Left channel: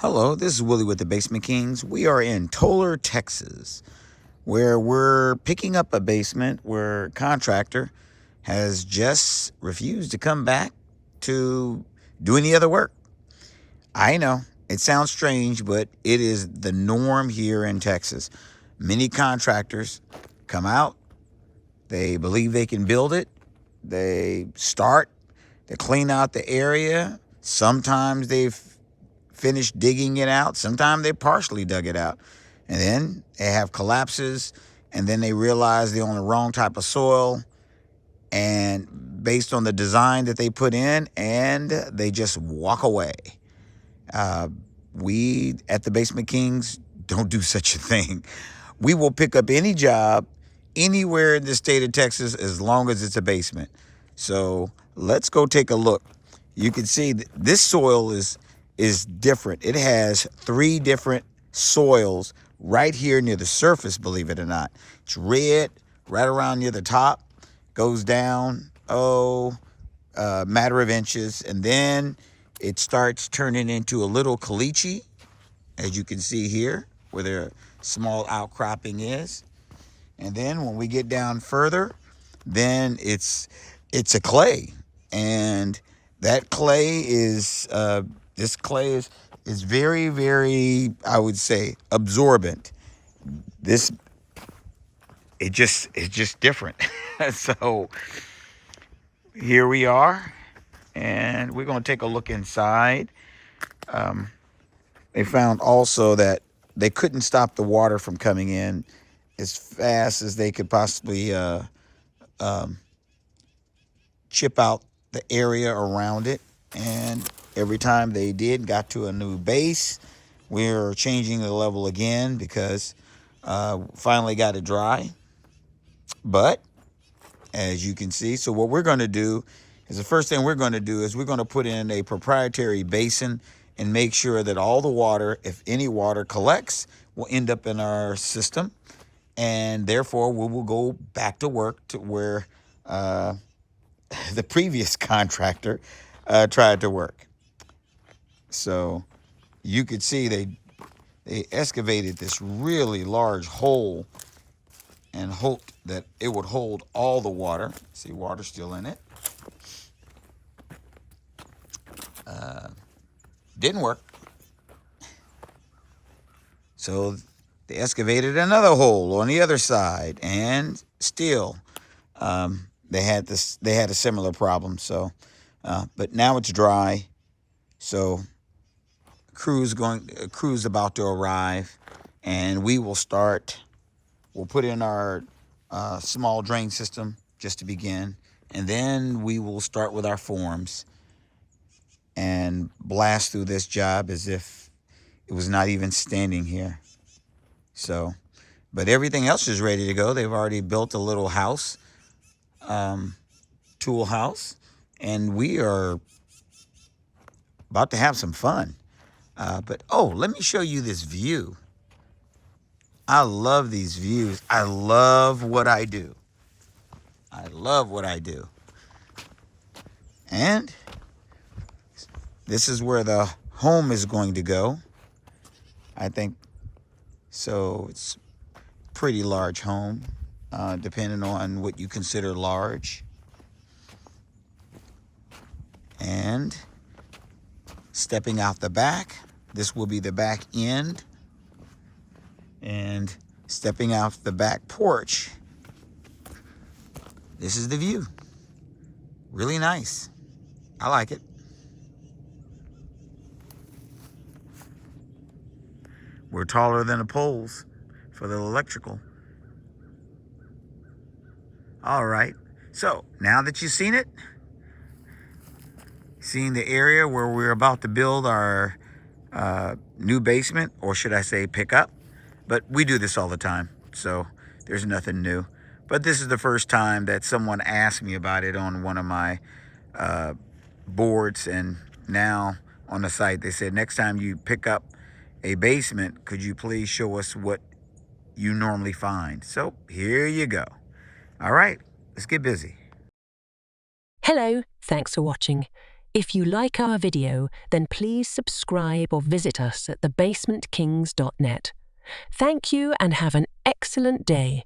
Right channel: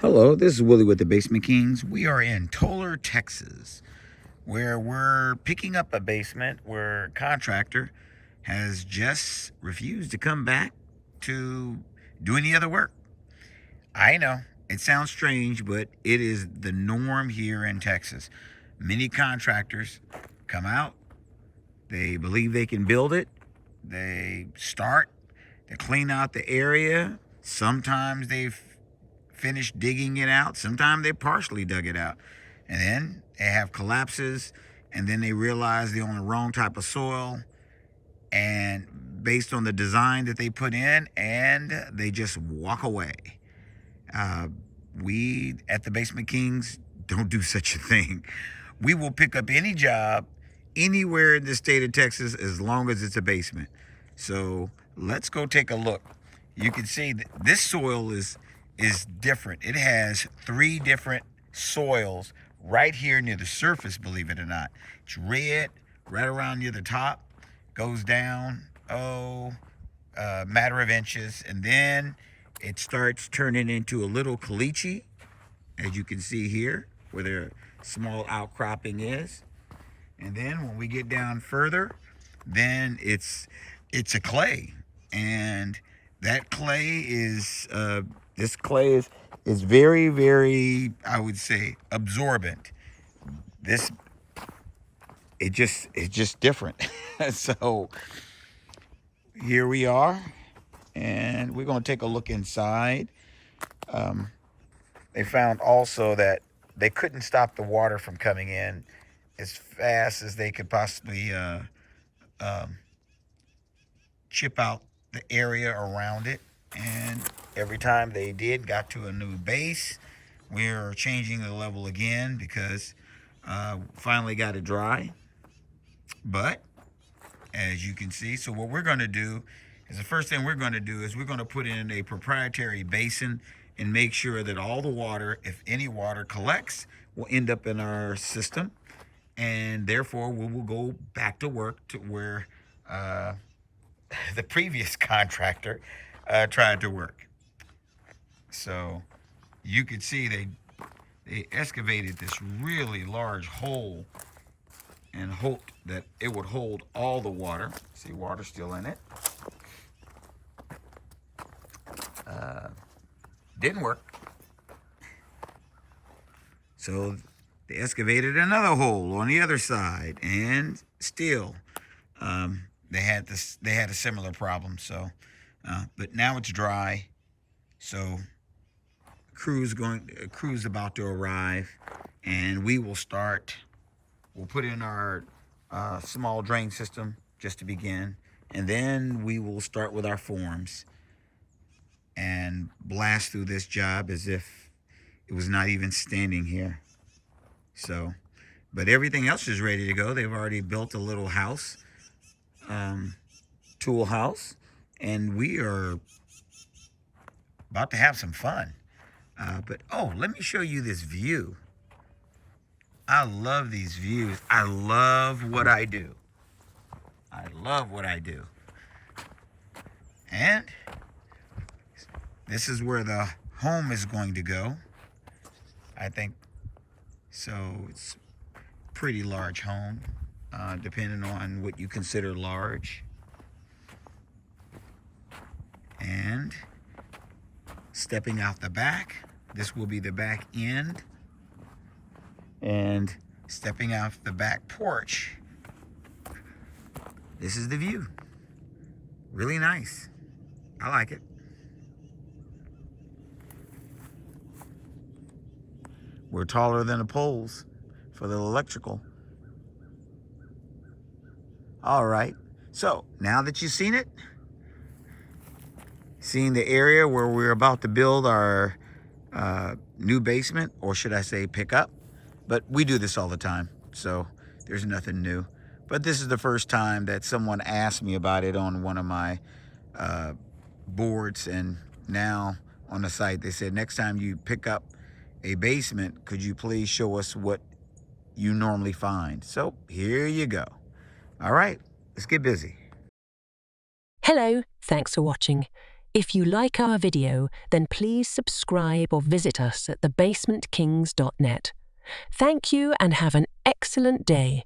Hello, this is Willie with the Basement Kings. We are in Tolar, Texas, where we're picking up a basement where a contractor has just refused to come back to do any other work. I know it sounds strange, but it is the norm here in Texas. Many contractors come out, they believe they can build it, they start, they clean out the area. Sometimes they've finished digging it out. Sometimes they partially dug it out. And then they have collapses, and then they realize they're on the wrong type of soil and based on the design that they put in, and they just walk away. Uh, we at the Basement Kings don't do such a thing. We will pick up any job anywhere in the state of Texas as long as it's a basement. So let's go take a look. You can see this soil is different. It has 3 different soils right here near the surface, believe it or not. It's red right around near the top, goes down, a matter of inches, and then it starts turning into a little caliche, as you can see here, where the small outcropping is. And then when we get down further, then it's a clay, and that clay is this clay is very, very, I would say, absorbent. This it's just different. So here we are, and we're going to take a look inside. They found also that they couldn't stop the water from coming in as fast as they could possibly chip out the area around it. And every time they got to a new base, we're changing the level again because finally got it dry. But as you can see, so what we're going to do is the first thing we're going to do is we're going to put in a proprietary basin and make sure that all the water, if any water collects, will end up in our system. And therefore, we will go back to work to where the previous contractor tried to work. So you could see they excavated this really large hole and hoped that it would hold all the water. See, water still in it. Didn't work. So they excavated another hole on the other side, and still they had a similar problem. So, but now it's dry. So crew's about to arrive, and we will start. We'll put in our small drain system just to begin, and then we will start with our forms and blast through this job as if it was not even standing here. So, but everything else is ready to go. They've already built a little house, tool house, and we are about to have some fun. But let me show you this view. I love these views. I love what I do. I love what I do. And this is where the home is going to go. I think so. It's a pretty large home, depending on what you consider large. And stepping out the back, this will be the back end. And stepping out the back porch, this is the view. Really nice. I like it. We're taller than the poles for the electrical. All right. So now that you've seen it, seeing the area where we're about to build our new basement, or should I say pick up, but we do this all the time, so there's nothing new. But this is the first time that someone asked me about it on one of my boards, and now on the site they said, next time you pick up a basement, could you please show us what you normally find? So here you go. All right, let's get busy. Hello, thanks for watching. If you like our video, then please subscribe or visit us at thebasementkings.net. Thank you and have an excellent day.